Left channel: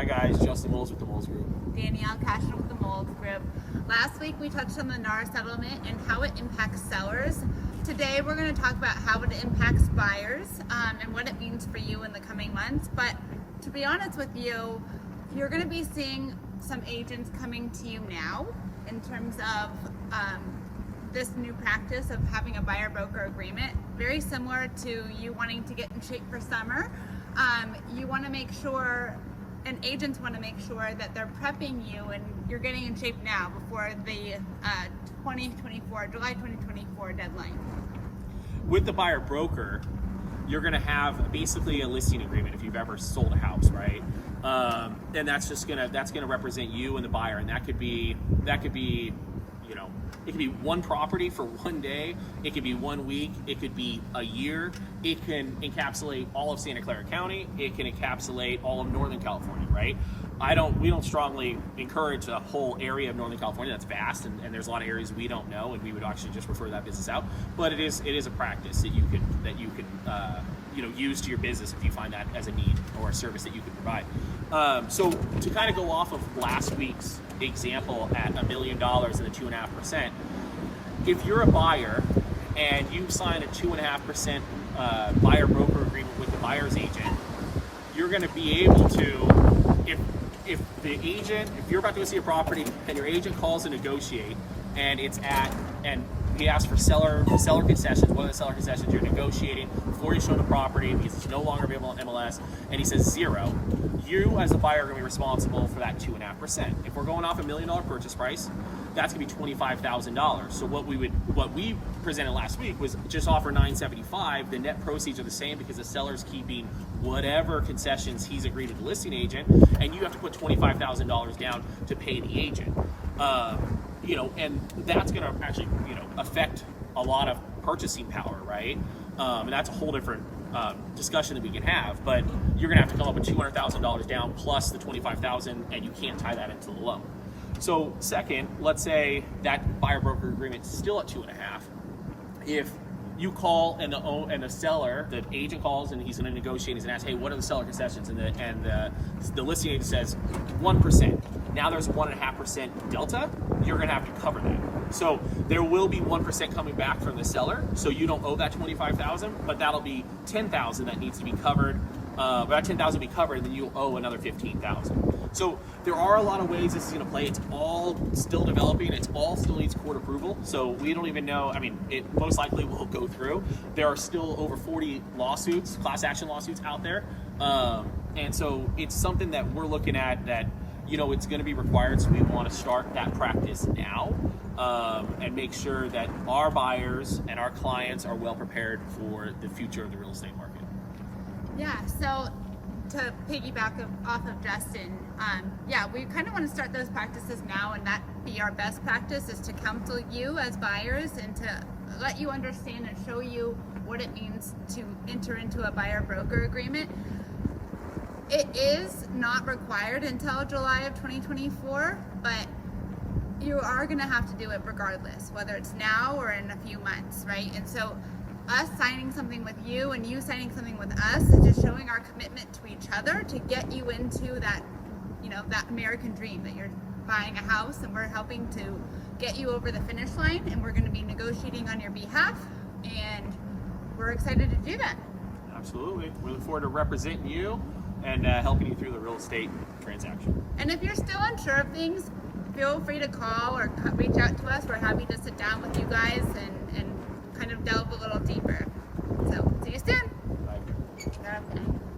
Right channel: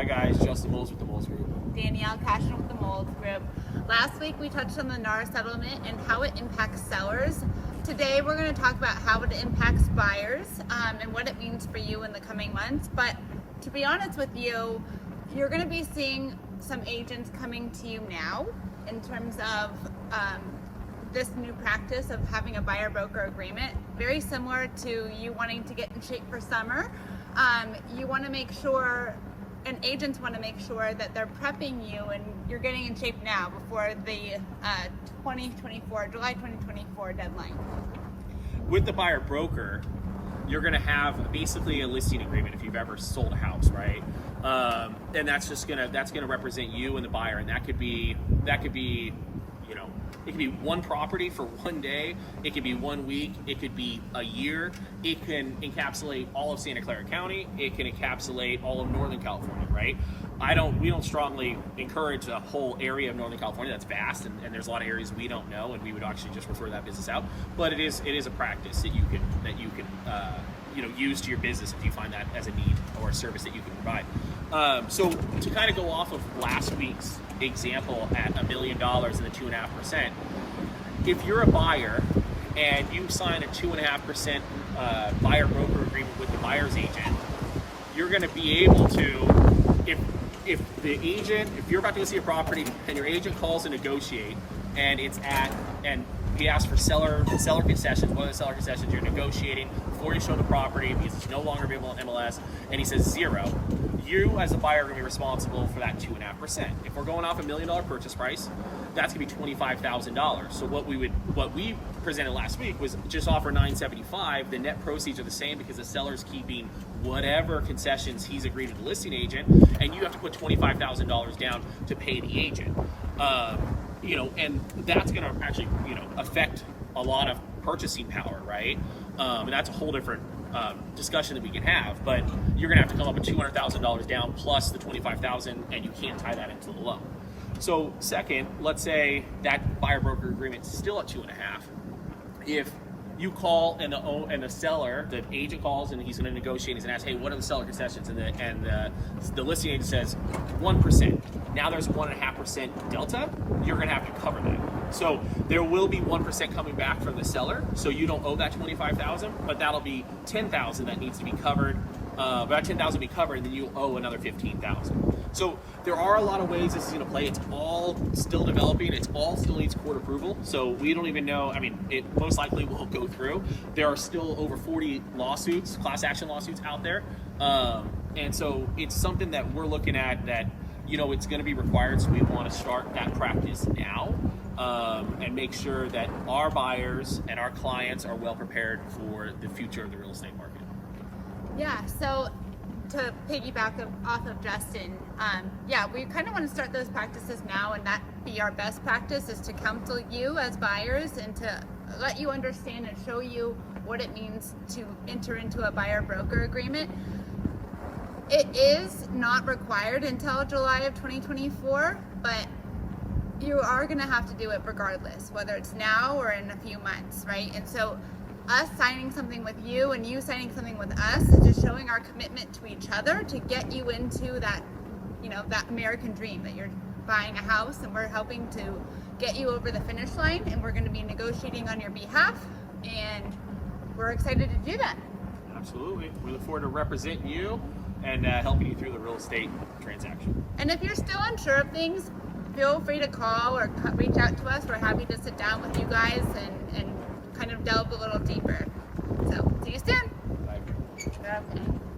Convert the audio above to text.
Hi guys, Justin Moles with the Moles Group. Danielle Cashman with the Moles Group. Last week we touched on the NAR settlement and how it impacts sellers. Today we're going to talk about how it impacts buyers and what it means for you in the coming months. But to be honest with you, you're going to be seeing some agents coming to you now in terms of this new practice of having a buyer-broker agreement. Very similar to you wanting to get in shape for summer. You want to make sure, and agents want to make sure that they're prepping you and you're getting in shape now before the July 2024 deadline. With the buyer broker, you're going to have basically a listing agreement if you've ever sold a house, right? And that's going to represent you and the buyer, and that could be you know, it could be one property for one day, it could be 1 week, it could be a year, it can encapsulate all of Santa Clara County, it can encapsulate all of Northern California, right? We don't strongly encourage a whole area of Northern California. That's vast, and there's a lot of areas we don't know, and we would actually just refer that business out. But it is a practice that you can use to your business if you find that as a need or a service that you can provide. So to kind of go off of last week's example at $1 million and the 2.5%, if you're a buyer and you sign a 2.5% buyer broker agreement with the buyer's agent, you're going to be able to, if you're about to go see a property and your agent calls to negotiate and he asks for seller concessions, one of the seller concessions you're negotiating before you show the property because it's no longer available on MLS, and he says 0, you as a buyer are going to be responsible for that 2.5%. If we're going off $1 million purchase price, that's going to be $25,000. So what we presented last week was just offer $975. The net proceeds are the same because the seller's keeping whatever concessions he's agreed to the listing agent, and you have to put $25,000 down to pay the agent. And that's going to actually, affect a lot of purchasing power, right? And that's a whole different discussion that we can have. But you're going to have to come up with $200,000 down plus the $25,000, and you can't tie that into the loan. So second, let's say that buyer broker agreement is still at 2.5. If you call and the seller, the agent calls and he's going to negotiate, he's going to ask, hey, what are the seller concessions? And the listing agent says 1%. Now there's a 1.5% delta. You're going to have to cover that. So there will be 1% coming back from the seller. So you don't owe that $25,000, but that'll be $10,000 that needs to be covered. But that $10,000 will be covered, and then you owe another $15,000. So there are a lot of ways this is going to play. It's all still developing. It all still needs court approval. So we don't even know. I mean, it most likely will go through. There are still over 40 lawsuits, class action lawsuits out there. And so it's something that we're looking at that, it's going to be required. So we want to start that practice now and make sure that our buyers and our clients are well prepared for the future of the real estate market. Yeah, so to piggyback off of Justin, we kind of want to start those practices now, and that be our best practice is to counsel you as buyers and to let you understand and show you what it means to enter into a buyer-broker agreement. It is not required until July of 2024, but you are going to have to do it regardless, whether it's now or in a few months, right? And so us signing something with you and you signing something with us is just showing our commitment to each other to get you into that, that American dream that you're buying a house, and we're helping to get you over the finish line, and we're going to be negotiating on your behalf, and we're excited to do that. Absolutely. We look forward to representing you and helping you through the real estate transaction. And if you're still unsure of things, feel free to call or reach out to us. We're happy to sit down with you guys and kind of delve a little deeper. So, see you soon. Bye.